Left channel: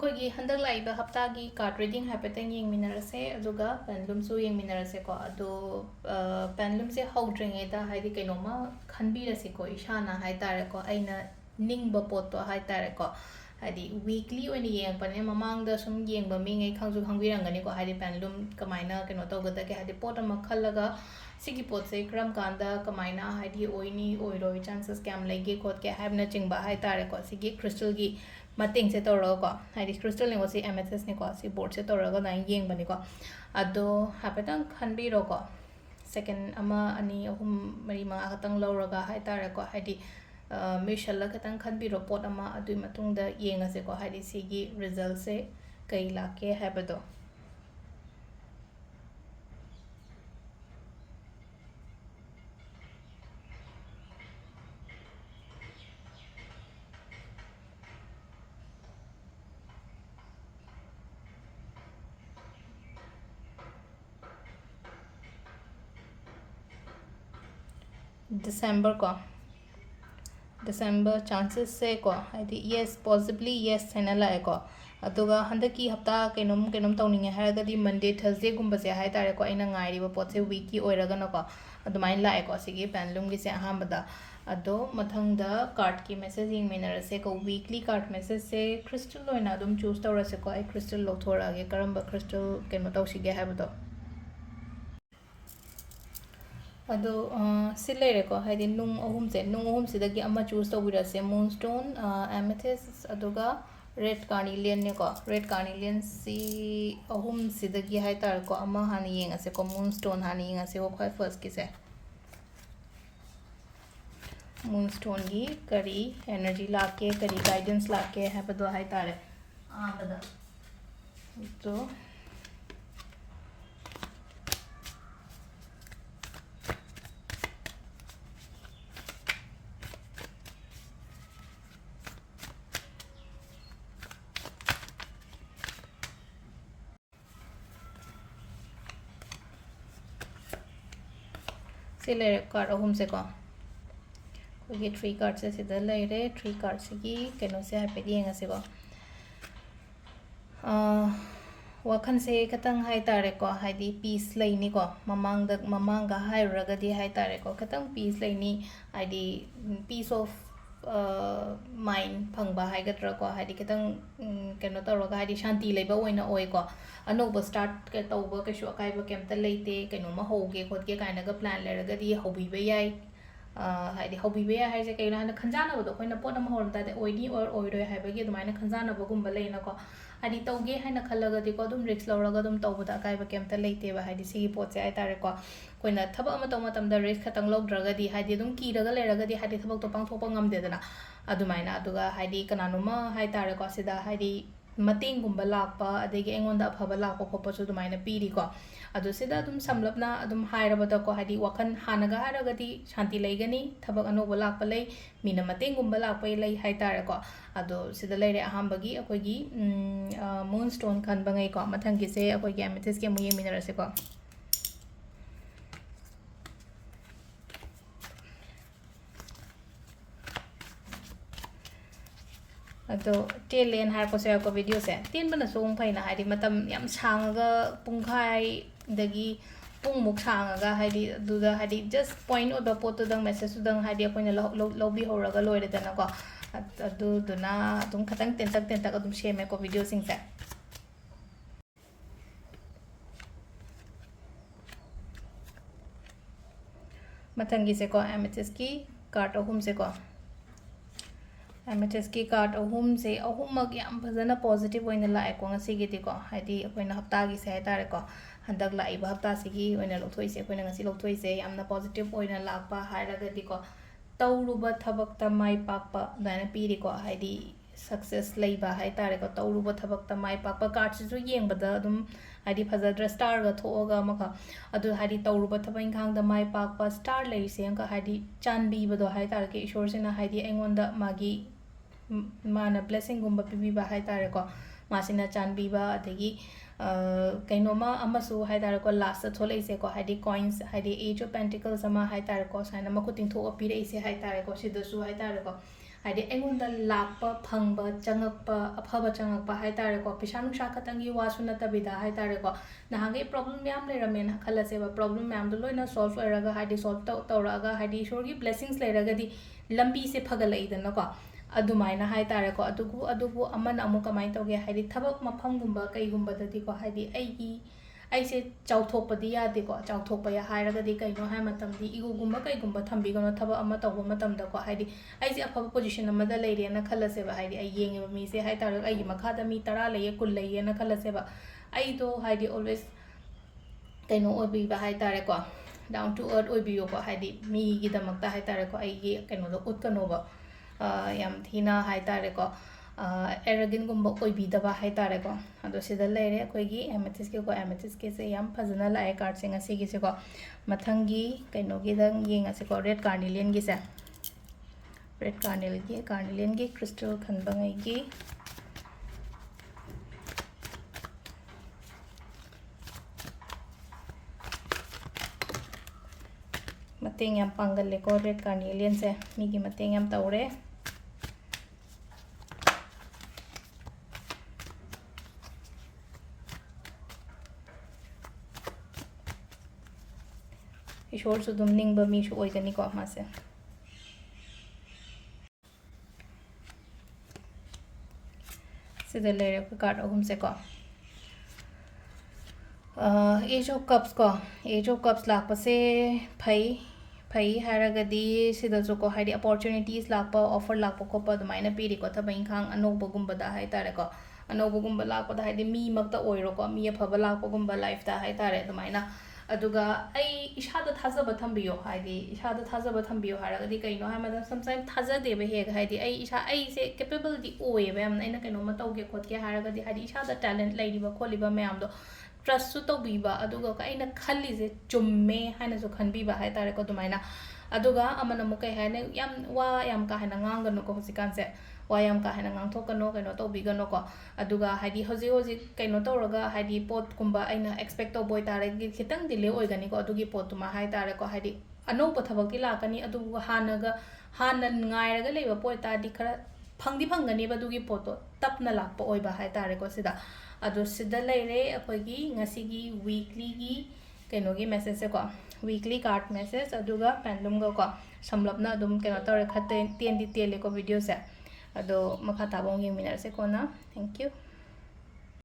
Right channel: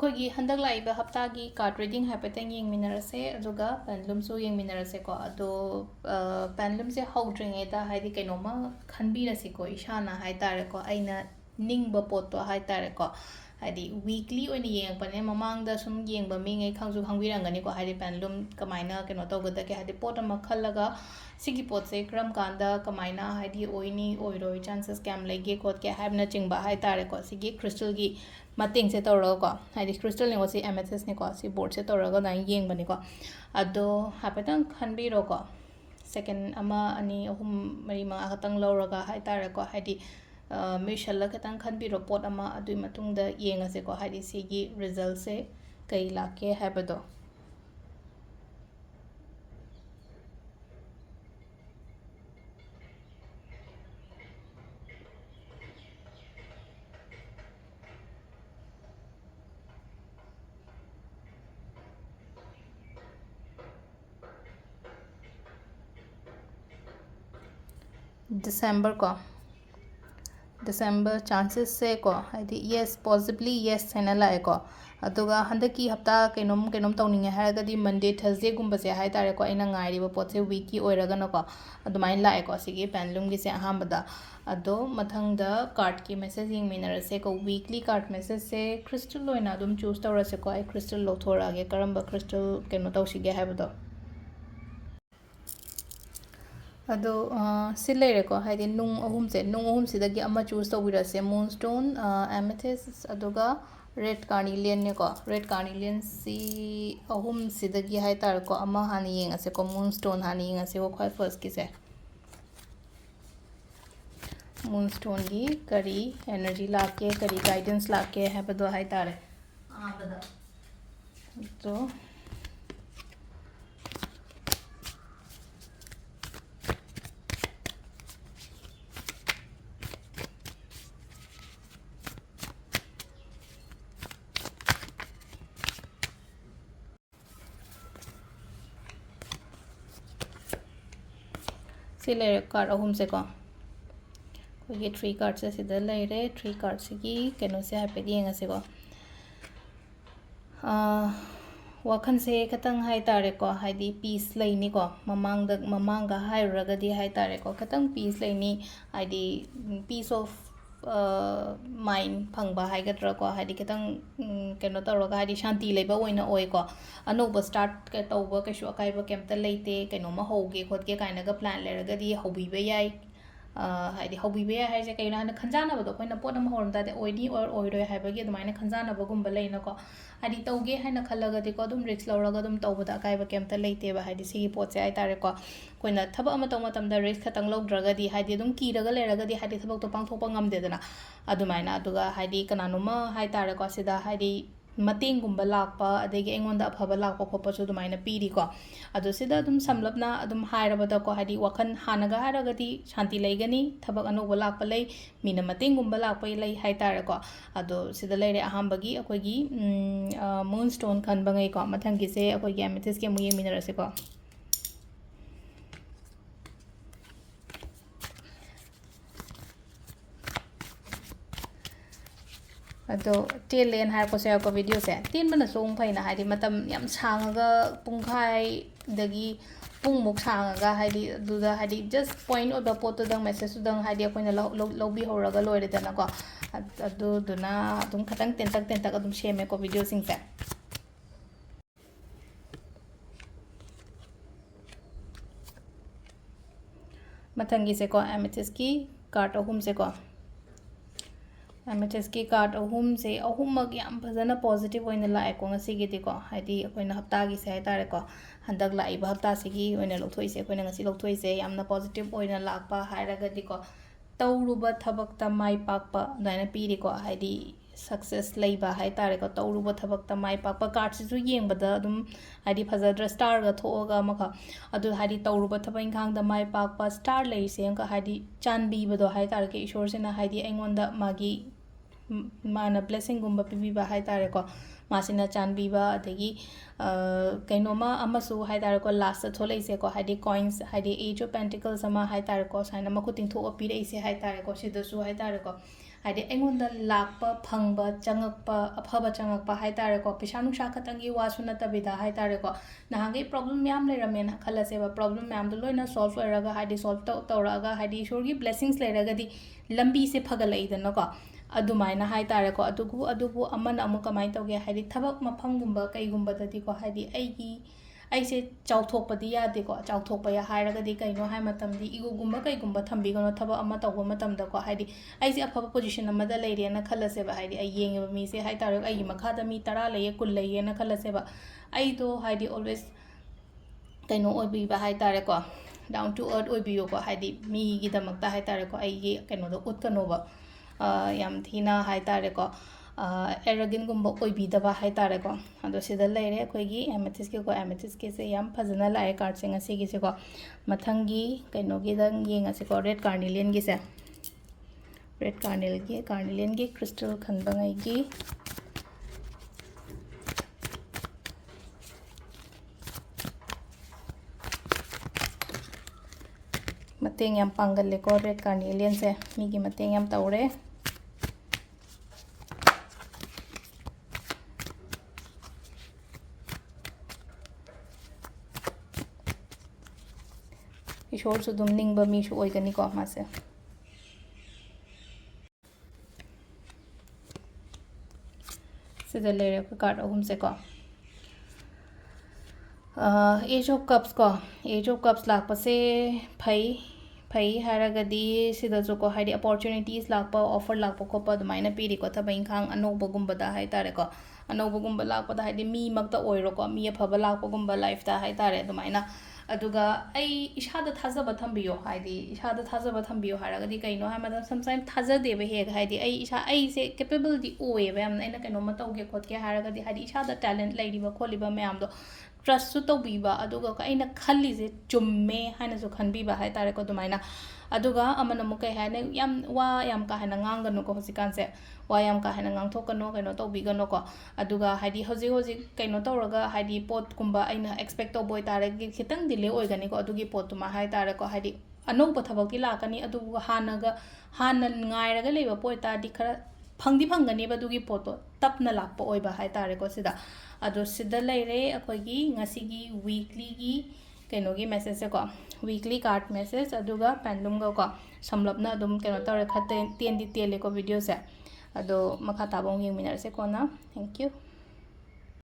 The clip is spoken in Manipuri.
ꯑꯩꯈꯣꯏꯒꯤ ꯍꯟꯗꯛ ꯂꯥꯛꯏꯕ ꯍꯞꯇꯥꯒꯤ ꯀꯥꯔꯠ ꯔꯤꯗꯤꯡ ꯍꯥꯏꯐꯦꯠꯇꯪ ꯌꯦꯡꯃꯤꯟꯅꯔꯁꯦ ꯑꯗꯨꯒ ꯄꯦꯟꯂꯨꯝꯁꯨ ꯌꯦꯡꯃꯤꯟꯅꯔꯁꯦꯀꯣ ꯑꯗꯣ ꯄꯦꯟꯂꯨꯝꯁꯦ ꯍꯧꯗ꯭ꯔꯤꯉꯩꯗ ꯍꯥꯏꯗꯤ ꯀꯩꯅꯣꯝꯃ ꯈꯟꯕꯤꯔꯁꯤꯀꯣ ꯏꯁꯥꯅ ꯍꯥꯏꯇꯥꯔꯦꯀꯣ ꯑꯩꯅ ꯅꯤꯡꯕ ꯄꯣꯠꯇꯣ ꯍꯥꯏꯇꯥꯔꯦꯀꯣ ꯍꯥꯏꯗꯤ ꯋꯤꯛꯂꯤ ꯑꯣꯏꯅ ꯌꯦꯡꯉꯛꯄꯅꯦ ꯃꯃꯥꯡꯗ ꯁꯨꯝ ꯌꯦꯡꯕ ꯃꯤꯉꯩ ꯈꯪꯁꯨ ꯈꯪꯕꯤꯔꯝꯒꯅꯤꯀꯣ ꯍꯥꯏꯗꯤ ꯄꯦꯟꯂꯨꯝ ꯀꯃꯥꯏꯅ ꯀꯩꯅꯣ ꯇꯧꯒꯗꯒꯦ ꯍꯥꯏꯗꯤ ꯄꯣꯠ ꯑꯃ ꯈꯜꯂꯒ ꯁꯤꯒꯤ ꯄꯣꯠꯁꯦ ꯀꯔꯝ ꯀꯥꯟꯗ ꯀꯃꯥꯏꯅ ꯍꯥꯏꯗꯤ ꯑꯣꯏꯅꯤ ꯑꯣꯏꯔꯣꯏ ꯆꯥꯟꯁꯦꯁ ꯀꯌꯥꯝ ꯂꯩꯒꯦ ꯈꯣꯠꯀꯦ ꯍꯥꯏꯕꯅꯆꯤꯡꯕ ꯍꯥꯏꯇꯥꯔꯦꯀꯣ ꯁꯤꯒꯤ ꯈ꯭ꯔꯤꯁꯇꯜꯒꯤ ꯃꯇꯦꯡꯁꯦ ꯇꯧꯔꯒꯀꯣ ꯍꯥꯏꯗꯤ ꯈ꯭ꯔꯤꯁꯇꯜꯅꯦꯀꯣ ꯁꯤ ꯑꯦꯃꯦꯊꯤꯁꯅꯦꯀꯣ ꯁꯤ ꯕꯣꯔꯗꯁꯦ ꯇꯧꯔꯒ ꯑꯗꯨꯃꯥꯏꯅ ꯌꯦꯡꯕꯅꯦꯀꯣ ꯑꯗꯣ ꯍꯥꯏꯐꯦꯠꯇꯪ ꯈꯟꯕꯤꯔꯣꯀꯣ ꯁꯦꯀꯦꯟ ꯑꯃ ꯑꯅꯤ ꯑꯍꯨꯝ ꯃꯔꯤ ꯃꯉꯥ ꯈꯛꯇꯪ ꯂꯧꯔꯒ ꯍꯥꯏꯇꯥꯔꯦꯀꯣ ꯍꯥꯏꯗꯤ ꯃꯤꯁꯜꯂ ꯈꯤꯇꯪ ꯈꯟꯕꯤꯔꯣ ꯄꯣꯠ ꯑꯃ ꯑꯗꯨꯒꯤ ꯃꯇꯨꯡꯗ ꯌꯦꯡꯉꯁꯦꯀꯣ ꯍꯥꯏꯗꯤ ꯁꯤꯒꯤ ꯔꯤꯖꯜꯁꯦ ꯀꯩ ꯂꯥꯛꯀꯦ ꯍꯥꯏꯕꯗꯣ ꯗꯤꯁꯦꯝꯕꯔ ꯀꯣ ꯗꯤꯁꯦꯝꯕꯔ ꯆꯥꯟꯁꯦꯁꯁꯦꯀꯣ ꯍꯥꯏꯗꯤ ꯌꯦꯁ ꯄꯣꯁꯤꯕ꯭ꯂꯤ ꯌꯦꯁ ꯍꯥꯏꯅ ꯂꯥꯛꯑꯦꯀꯣ ꯑꯗꯨꯒ ꯍꯟꯗꯛꯀꯤ ꯍꯞꯇꯥ ꯀꯩꯅꯣꯝ ꯇꯧꯅꯤꯡꯉꯦ ꯍꯥꯏꯔꯒꯗꯤ ꯃꯟꯗꯦ ꯊꯔꯁꯗꯦꯒꯨꯝꯕꯁꯦ ꯍꯥꯏꯇꯥꯔꯦꯀꯣ ꯑꯩꯅ ꯉꯥꯏꯔꯤꯕ ꯄꯣꯠꯁꯦ ꯋꯤꯛꯀꯤ ꯑꯣꯏꯔꯒꯅꯀꯣ ꯑꯗꯨꯃꯥꯏꯅ ꯂꯥꯛꯑꯦꯀꯣ ꯁꯤꯒꯤ ꯄꯦꯟꯂꯨꯝꯒꯤꯁꯦ ꯑꯍꯥꯟꯕꯗ ꯑꯗꯣ ꯃꯊꯪꯗ ꯀꯥꯔꯠꯀꯤ ꯃꯦꯁꯦꯖ ꯌꯦꯡꯃꯤꯟꯅꯔꯁꯦꯀꯣ ꯋꯤꯛꯂꯤ ꯀꯥꯔꯠ ꯃꯦꯁꯦꯖꯁꯦ ꯈ꯭ꯔꯤꯁꯇꯜ ꯑꯣꯏꯅ ꯑꯗꯨꯝ ꯆꯨꯁ ꯇꯧꯔꯁꯦꯀꯣ ꯑꯩ ꯈ꯭ꯔꯤꯁꯇꯜ ꯂꯧꯊꯣꯔꯛꯑꯒꯦ ꯀꯔꯝꯕ ꯈ꯭ꯔꯤꯁꯇꯜ ꯀꯩꯅꯣ ꯇꯧꯁꯤꯒꯦ ꯍꯥꯏꯕꯗꯣ ꯑꯗꯣ ꯁꯤ ꯂꯩꯔꯦꯀꯣ ꯍꯥꯏꯗꯤ ꯅꯨꯡ ꯑꯍꯨꯝꯁꯤꯗꯒꯤ ꯑꯃ ꯆꯨꯁ ꯇꯧꯕꯤꯔꯁꯦ ꯃꯨꯟꯁꯇꯣꯟ ꯑꯦꯃꯦꯊꯤꯁ ꯑꯗꯨꯒ ꯔꯦꯗ ꯀꯥꯔꯅꯤꯂꯤꯌꯟꯅꯦꯀꯣ ꯔꯦꯗ ꯀꯥꯔꯅꯤꯂꯤꯌꯟꯁꯤ ꯑꯍꯨꯝꯁꯤꯗꯒꯤ ꯍꯥꯏꯇꯥꯔꯦꯀꯣ ꯑꯃ ꯍꯥꯟꯅ ꯌꯦꯡꯉꯁꯦꯀꯣ ꯃꯨꯟꯁꯇꯣꯟ ꯍꯥꯟꯅ ꯌꯦꯡꯉꯁꯦꯀꯣ ꯈ꯭ꯋꯥꯏ ꯐꯥꯔꯁꯀꯤꯁꯦ ꯃꯨꯟꯁꯇꯣꯟꯒꯤ ꯀꯔꯤ ꯑꯦꯅꯔꯖꯤ ꯂꯥꯛꯀꯦ ꯀꯔꯤ ꯒꯥꯏꯗꯦꯟꯁ ꯂꯥꯛꯀꯦ ꯍꯥꯏꯕꯗꯣ ꯍꯥꯏꯇꯥꯔꯦ ꯑꯍꯥꯟꯕꯗ ꯑꯗꯣ ꯁꯤ ꯂꯩꯔꯦ ꯀꯥꯔꯠ ꯑꯍꯨꯝꯁꯦꯀꯣ ꯑꯩꯈꯣꯏꯒꯤ ꯊ꯭ꯔꯤ ꯀꯥꯔꯠꯁꯦ ꯁꯤꯗ ꯂꯩꯔꯦ ꯊ꯭ꯔꯤ ꯀꯥꯔꯠꯁꯤꯒꯤ ꯀꯩꯅꯣꯁꯦ ꯍꯥꯏꯐꯦꯠ ꯌꯦꯡꯉꯁꯦꯀꯣ ꯋꯥꯈꯜꯁꯦ ꯈꯤꯇꯪ ꯍꯥꯏꯇꯥꯔꯦꯀꯣ ꯍꯥꯏꯗꯤ ꯄꯤꯁ ꯂꯩꯅꯤꯀꯣ ꯃꯃꯥꯡꯒ ꯍꯥꯏꯔꯨꯔꯒꯗꯤ ꯍꯥꯏꯇꯥꯔꯦꯀꯣ ꯈꯤꯇꯪ ꯄꯤꯁ ꯂꯩꯅꯤ ꯍꯥꯏꯗꯤ ꯄꯤꯁ ꯑꯣꯐ ꯃꯥꯏꯟ ꯐꯪꯕ ꯍꯥꯏꯒꯗ꯭ꯔꯥꯀꯣ ꯍꯥꯏꯗꯤ ꯈꯤꯇꯪ ꯀꯩꯅꯣ ꯇꯧꯔꯒ ꯍꯥꯏꯗꯤ ꯁꯥꯟꯇꯤ ꯂꯩꯕ ꯑꯣꯏꯅ ꯑꯣꯏꯀꯣ ꯑꯅꯧꯕ ꯁ꯭ꯇꯥꯔꯠ ꯇꯧꯕ ꯀꯩꯁꯨ ꯑꯀꯥꯏꯕ ꯀꯩꯝꯇ ꯂꯩꯇꯦ ꯀꯩꯅꯣꯝꯃ ꯍꯧꯒꯦ ꯈꯣꯠꯀꯦ ꯀꯥꯏꯅꯒ ꯄ꯭ꯂꯥꯟ ꯂꯩꯔꯒꯗꯤ ꯍꯧꯕꯤꯕ ꯌꯥꯏ ꯍꯥꯏꯗꯤ ꯍꯧꯕꯤꯕ ꯌꯥꯏ ꯍꯥꯏꯁꯦ ꯀꯩꯅꯣ ꯍꯥꯏꯅ ꯈꯟꯖꯥꯟꯅꯕꯗꯣ ꯑꯩꯈꯣꯏꯅ ꯄꯣꯠ ꯑꯃ ꯍꯧꯔꯝꯗꯥꯏꯗ ꯑꯣꯏꯅꯤ ꯑꯣꯏꯔꯣꯏ ꯍꯥꯏꯕꯒꯤ ꯑꯗꯨꯃꯥꯏꯅ ꯈꯟꯖꯥꯟꯅꯕꯒꯨꯝꯕ ꯂꯩꯅꯀꯣ ꯍꯥꯏꯗꯤ ꯇꯧꯒꯦ ꯍꯥꯏꯅ ꯈꯜꯂꯒꯗꯤꯀꯣ ꯑꯗꯨꯝ ꯔꯤꯛꯁ ꯂꯧꯔꯒ ꯑꯗꯨꯝ ꯇꯧꯕꯗ ꯑꯀꯥꯏꯕ ꯀꯩꯝꯇ ꯂꯩꯇꯦꯕ ꯍꯥꯏꯗꯤ ꯁꯤꯒꯤ ꯄꯣꯠꯁꯦ ꯍꯥꯏꯇꯥꯔꯦꯀꯣ ꯑꯩꯈꯣꯏꯅ ꯊꯕꯛ ꯑꯃ ꯇꯧꯕ ꯃꯇꯝꯗ ꯔꯤꯛꯁ ꯈꯇꯪ ꯂꯧꯗ꯭ꯔꯒꯗꯤ ꯍꯥꯏꯗꯤ ꯑꯗꯨꯝ ꯀꯤꯔꯒ ꯂꯩꯔꯒꯗꯤ ꯍꯥꯏꯗꯤ ꯊꯕꯛꯇꯣ ꯄꯥꯡꯊꯣꯛꯄ ꯉꯝꯗꯦꯗꯅ ꯑꯗꯨꯃꯥꯏꯅ ꯑꯗꯨꯒ ꯍꯥꯏꯗꯤ ꯀꯅꯥꯅꯣꯝꯃ ꯍꯥꯏꯇꯥꯔꯦꯀꯣ ꯁꯤꯗ ꯍꯥꯏꯗꯤ ꯃꯇꯦꯡꯒꯨꯝꯕ ꯂꯥꯛꯄ ꯑꯗꯒꯤ ꯑꯩꯉꯣꯟꯗ ꯑꯐꯕ ꯂꯥꯛꯄ ꯈꯣꯠꯄꯁꯨ ꯑꯗꯨꯃꯥꯏꯅ ꯄꯤꯔꯤꯀꯣ ꯑꯗꯣ ꯁꯤꯗ ꯑꯗꯨꯝ ꯁꯝꯂꯞꯅ ꯑꯗꯨꯝ ꯍꯥꯏꯔꯕꯗꯀꯣ ꯍꯥꯏꯗꯤ ꯋꯥꯈꯜ ꯍꯥꯟꯅꯒ ꯍꯥꯏꯔꯒꯗꯤ ꯁꯥꯟꯇꯤ ꯂꯩꯒꯅꯤ ꯊꯕꯛ ꯑꯅꯧꯕ ꯂꯥꯛꯄ ꯂꯩ ꯃꯤꯅ ꯃꯇꯦꯡꯒꯨꯝꯕ ꯂꯥꯛꯄ ꯂꯩ ꯍꯥꯏꯇꯥꯔꯦꯀꯣ ꯑꯗꯣ ꯁꯤꯗ ꯂꯩꯔꯦ ꯑꯍꯥꯟꯕꯒꯤ ꯑꯩꯈꯣꯏꯒꯤ ꯃꯨꯟꯁꯇꯣꯟ ꯈꯟꯕꯉꯩꯀꯣ ꯃꯊꯪꯒꯤꯁꯦ ꯑꯩꯈꯣꯏꯒꯤ ꯑꯦꯃꯦꯊꯤꯁꯀꯤ ꯑꯃꯨꯛ ꯌꯦꯡꯃꯤꯟꯅꯔꯁꯦꯀꯣ ꯑꯗꯣ ꯇꯦꯜꯂꯦꯅ ꯍꯥꯏꯔꯛꯄꯁꯨ ꯌꯥꯎꯀꯣ ꯚꯤꯗꯤꯑꯣꯁꯦ ꯇꯦꯟꯕꯅꯁꯨ ꯑꯃꯨꯛ ꯐꯩꯅ ꯍꯥꯏꯗꯤ ꯃꯇꯝ ꯌꯥꯝ ꯁꯥꯡꯉꯒ ꯄꯨꯡꯈꯥꯏꯗꯒꯤ ꯄꯨꯡꯃꯨꯛ ꯁꯥꯡꯉꯒ ꯍꯥꯏꯗꯤ ꯑꯗꯨꯗ ꯍꯥꯏꯗꯤ ꯖꯁ ꯄꯣꯏꯟ ꯑꯣꯏꯕ ꯄꯣꯠꯇꯨꯗꯪ ꯃꯦꯁꯦꯖꯇꯨꯗꯪ ꯍꯥꯏꯗꯤ ꯑꯩꯈꯣꯏꯅ ꯂꯧꯕꯤꯍꯧꯔꯒ ꯂꯣꯏꯔꯦꯗꯅꯀꯣ ꯑꯗꯨꯗꯨꯅ ꯑꯗꯨꯝ ꯈꯤꯇꯪ ꯇꯦꯟꯇꯛ ꯑꯗꯨꯝ ꯁꯦꯝꯃꯦꯀꯣ ꯚꯤꯗꯤꯑꯣꯁꯤꯡꯁꯦ ꯃꯊꯪꯒꯤꯁꯦꯀꯣ ꯑꯦꯃꯦꯊꯤꯁꯀꯤ ꯀꯥꯔꯠ ꯑꯍꯨꯝꯁꯦꯀꯣ ꯑꯦꯃꯦꯊꯤꯁꯀꯤ ꯀꯥꯔꯠ ꯑꯍꯨꯝꯁꯦ ꯑꯍꯨꯝꯃꯛ ꯌꯥꯝ ꯐꯖꯅ ꯄꯣꯖꯤꯇꯤቭ ꯑꯣꯏꯅ ꯂꯥꯛꯑꯦꯀꯣ ꯉꯁꯤꯒꯤꯗꯤꯀꯣ ꯍꯥꯏꯗꯤ ꯑꯩꯈꯣꯏꯅ ꯍꯞꯇꯥꯒꯤꯁꯦ ꯍꯥꯏꯇꯥꯔꯦꯀꯣ ꯍꯟꯗꯛ ꯂꯥꯛꯏꯕ ꯍꯞꯇꯥꯁꯤꯒꯤ ꯑꯣꯏꯅ ꯂꯧꯊꯣꯛꯏꯁꯦ ꯑꯩꯈꯣꯏꯅ ꯉꯁꯤ ꯂꯧꯊꯣꯛꯏꯁꯦ ꯌꯥꯝꯅ ꯄꯣꯖꯤꯇꯤቭ ꯑꯣꯏꯅ ꯂꯥꯛꯄ ꯍꯥꯏꯔꯒꯗꯤꯀꯣ ꯇꯧꯔꯨꯕ ꯊꯕꯛꯇ ꯃꯥꯏ ꯄꯥꯛꯄ ꯑꯗꯨꯃꯥꯏꯅ ꯄꯤꯔꯤꯀꯣ ꯍꯥꯏꯗꯤ ꯁꯛꯁꯦꯁ ꯂꯩꯕ ꯍꯥꯏꯇꯥꯔꯦꯀꯣ ꯇꯧꯔꯨꯕ ꯊꯕꯛꯇ ꯃꯥꯏ ꯄꯥꯛꯄ ꯀꯥꯔꯠꯁꯤꯁꯨ ꯌꯦꯡꯕꯗ ꯑꯗꯨꯝ ꯍꯥꯏꯗꯤ ꯐꯖꯗ꯭ꯔ ꯁ꯭ꯇꯥꯔꯒ ꯊꯣꯛꯑꯒ ꯑꯃꯈꯛ ꯑꯗꯨ ꯍꯥꯏꯗꯤ ꯇꯧꯔꯨꯕ ꯊꯕꯛ ꯏꯪꯈꯥꯡꯗ ꯃꯥꯏ ꯄꯥꯛꯄ ꯁ꯭ꯇꯥꯔ ꯂꯩꯔꯤꯁꯦ ꯑꯃꯈꯛ ꯍꯥꯏꯗꯤ ꯆꯥꯟꯕꯤꯕꯗꯣ ꯍꯥꯏꯇꯥꯔꯦꯀꯣ ꯏꯁꯣꯔꯁꯤꯅ ꯍꯥꯏꯗꯤ ꯑꯩꯉꯣꯟꯗ ꯃꯥꯒꯤ ꯃꯥꯅ ꯕ꯭ꯂꯦꯁꯤꯡꯒꯨꯝꯕ ꯄꯤꯕꯤꯕ ꯍꯥꯏꯇꯥꯔꯦꯀꯣ ꯃꯥꯁꯤꯅ ꯆꯥꯟꯕꯤꯕ ꯑꯗꯒꯤ ꯀꯩꯅꯣꯝꯃ ꯑꯃꯁꯨ ꯍꯥꯏꯇꯥꯔꯦꯀꯣ ꯂꯥꯁꯇ ꯊꯣꯛꯂꯛꯏꯁꯦꯀꯣ ꯍꯥꯏꯗꯤ ꯀꯣꯏꯟꯁ ꯍꯥꯏꯗꯤ ꯑꯦꯖ ꯑꯣꯐ ꯄꯦꯟꯇꯤꯀꯜꯁ ꯑꯃ ꯍꯥꯏꯇꯥꯔꯦꯀꯣ ꯁꯨꯃꯥꯏꯅ ꯃꯈꯨꯠ ꯇꯤꯡꯊꯣꯛꯑ ꯄꯤꯔꯛꯏꯁꯦ ꯍꯥꯏꯇꯥꯔꯦꯀꯣ ꯁꯤꯗꯁꯨ ꯍꯥꯏꯇꯥꯔꯦꯀꯣ ꯍꯥꯏꯗꯤ ꯑꯩꯉꯣꯟꯗ ꯂꯥꯛꯄ ꯐꯪꯕ ꯆꯪꯉꯛꯄ ꯑꯐꯕ ꯆꯪꯉꯛꯄ ꯍꯥꯏꯇꯥꯔꯦꯀꯣ ꯄꯩꯁꯥ ꯅꯨꯡꯁꯥ ꯈꯛꯇꯪꯒꯤ ꯋꯥꯁꯨ ꯅꯠꯇꯕꯤꯗ ꯍꯥꯏꯇꯥꯔꯦꯀꯣ ꯅꯍꯥꯟꯒꯩ ꯄ꯭ꯔꯣꯕ꯭ꯂꯦꯝ ꯃꯌꯥꯝ ꯂꯩꯔꯝꯃꯦꯅ ꯈꯜꯂꯁꯦꯕ ꯄ꯭ꯔꯣꯕ꯭ꯂꯦꯝ ꯃꯌꯥꯝꯗꯣ ꯂꯣꯏꯅ ꯁꯣꯜꯚ ꯑꯣꯏꯔꯒ ꯍꯥꯏꯗꯤ ꯁꯣꯜꯚ ꯇꯧꯔꯛꯑꯒ ꯍꯥꯏꯗꯤ ꯏꯁꯣꯔꯒꯤ ꯕ꯭ꯂꯦꯁꯤꯡꯁ ꯂꯩꯔꯒꯗꯤ ꯂꯝꯕꯤꯁꯦ ꯐꯒꯠꯂꯛꯏꯗꯅꯀꯣ ꯑꯗꯨꯃꯥꯏꯅ ꯍꯥꯏꯇꯥꯔꯦꯀꯣ ꯑꯗꯨꯕꯨ ꯑꯃꯅ ꯑꯃꯨꯛ ꯀꯃꯥꯏꯅ ꯇꯧꯒꯦ ꯍꯥꯏꯗꯤ ꯊꯕꯛ ꯃꯐꯝꯒꯨꯝꯕ ꯀꯩꯒꯨꯝꯕꯗꯗꯤꯀꯣ ꯍꯥꯏꯗꯤ ꯑꯩꯁꯦ ꯆꯥꯎꯊꯣꯛꯄꯗꯤ ꯌꯥꯗꯦꯀꯣ ꯆꯥꯎꯊꯣꯛꯄ ꯍꯥꯏꯔꯒꯗꯤ ꯀꯩꯅꯣ ꯍꯥꯏ ꯃꯇꯝꯗꯤ ꯏꯒꯣꯒꯨꯝꯕ ꯀꯩꯒꯨꯝꯕ ꯊꯝꯕꯤꯒꯅꯣ ꯊꯕꯛ ꯑꯃ ꯇꯧꯕ ꯃꯇꯝꯗꯀꯣ ꯍꯥꯏꯗꯤ ꯑꯩꯁꯦ ꯑꯐꯕ ꯄꯣꯖꯤꯁꯟ ꯑꯃꯗ ꯂꯩꯔꯦꯅ ꯈꯜꯂꯁꯦꯕ ꯍꯥꯏꯗꯤ ꯑꯩ ꯌꯦꯡꯉꯤꯕ ꯃꯤꯁꯦ ꯍꯥꯏꯇꯥꯔꯦ ꯑꯩꯒꯤ ꯃꯈꯥꯗ ꯃꯤ 10 ꯂꯩꯌꯦ 10 ꯂꯩꯌꯦꯅ ꯈꯜꯂꯁꯦꯕ ꯑꯩꯗꯣ ꯍꯥꯏꯗꯤ ꯑꯣꯜꯋꯦꯁ ꯀꯩꯅꯣ ꯑꯣꯏꯕꯤꯕ ꯍꯥꯏꯇꯥꯔꯦꯀꯣ ꯗꯥꯎꯟ ꯇꯨ ꯑꯔꯊ ꯑꯣꯏꯕꯤꯌꯨꯀꯣ ꯍꯥꯏꯗꯤ ꯃꯤꯒꯤꯗꯃꯛꯇ ꯍꯥꯏꯇꯥꯔꯦꯀꯣ ꯑꯩꯒꯤ ꯀꯩꯅꯣꯗꯣ ꯎꯠꯀꯅꯣꯕ ꯌꯥꯝ ꯊꯤꯅ ꯍꯥꯏꯇꯥꯔꯦꯀꯣ ꯑꯦꯔꯣꯒꯦꯟꯒꯨꯝꯕ ꯑꯣꯏꯕꯤꯗꯕ ꯍꯥꯏꯇꯥꯔꯦꯀꯣ ꯑꯗꯣ ꯁꯤꯗ ꯂꯩꯔꯦ ꯑꯩꯈꯣꯏꯒꯤ ꯑꯦꯃꯦꯊꯤꯁꯀꯤꯀꯣ ꯑꯦꯃꯦꯊꯤꯁꯀꯤꯁꯦ ꯌꯥꯝ ꯐꯖꯅ ꯂꯥꯛꯑꯦ ꯀꯥꯔꯠꯁꯦ ꯉꯁꯤꯒꯤꯁꯦꯀꯣ ꯃꯊꯪꯒꯤ ꯀꯩꯅꯣꯒꯤꯗꯪ ꯌꯦꯡꯉꯁꯤꯀꯣ ꯔꯦꯗ ꯀꯥꯔꯅꯤꯂꯤꯌꯟꯒꯤꯁꯦ ꯔꯦꯗ ꯀꯥꯔꯅꯤꯂꯤꯌꯟꯒꯤ ꯀ꯭ꯔꯤꯁꯇꯜ ꯈꯟꯕꯉꯩꯒꯤ ꯃꯇꯦꯡ ꯌꯥꯝ ꯄꯥꯡꯒꯜꯂꯦꯀꯣ ꯔꯦꯗ ꯀꯥꯔꯅꯤꯂꯤꯌꯟꯁꯦ ꯃꯤꯒꯤ ꯃꯇꯦꯡ ꯌꯥꯝ ꯇꯧꯔꯦ ꯏꯁꯣꯔꯁꯨ ꯑꯗꯨꯝ ꯅꯤꯡꯕ ꯃꯤꯁꯨ ꯑꯣꯏꯒꯅꯤꯀꯣ ꯃꯥꯁꯦ ꯁꯤꯗ ꯂꯩꯔꯦ ꯑꯩꯈꯣꯏ ꯀꯥꯔꯠ ꯑꯍꯨꯝꯁꯦꯀꯣ एज ऑफ कप्स को एज ऑफ कप्स लापसे फई हारगदी सिदसुको हाइडी अपॉर्चुनिटीज लाप ऑफर लाप खोप अदुमाइना पीरिको थबक इंखांग अनौबगुंबदा हाइतारेको अनौबगुंबा लापदा हाइडी मी मक्ता ओइरोको मी अफब लापगुंबा लाइफता हाइतारे अदुमाइना अदुगा आई इशादा थाजब थंबियो हाइडी इशादा थाजब थंबियो हारगदी कइनो हामदा समटाइम थाजदेबे हेग हाइडी आई इशा आई से कैपेबिलिटी ओएबे हम नैना कइनो म तौगे खोटके हारगदी हाइडी इशादा टैलेंट लैरिबा खोलिबा मैमदो ट्रस्ट तौबीबा अदुगा अइना खल्लीजे चुम्मे हाइनासु खनबीबा हाइतारेको दुमाइना अदुगा अमन अमुक कई हाइने याम वा याम का हाइना nganganuko hosikanse वा याम का हाइना nganthokano kaino taubiganoko aduga haidi hoji kaino tawraga haidi pot kumba aina expect tawboi tare khitang delay oiganiko adugi pot tuma haitareko haidi anouba thabakti lakani aduga hana ngairaga leiba poita di khara phangdi phangani badugi poto tapna lakpa oiba haitareko sida ado sida leire akoigi ngasigi weekly gi kainogi message ko weekly card message aduga pendulum ga ko samlapna adum kaino tawre khatte 10 detail ko video se ado makha tabong yeng minarse kona thank you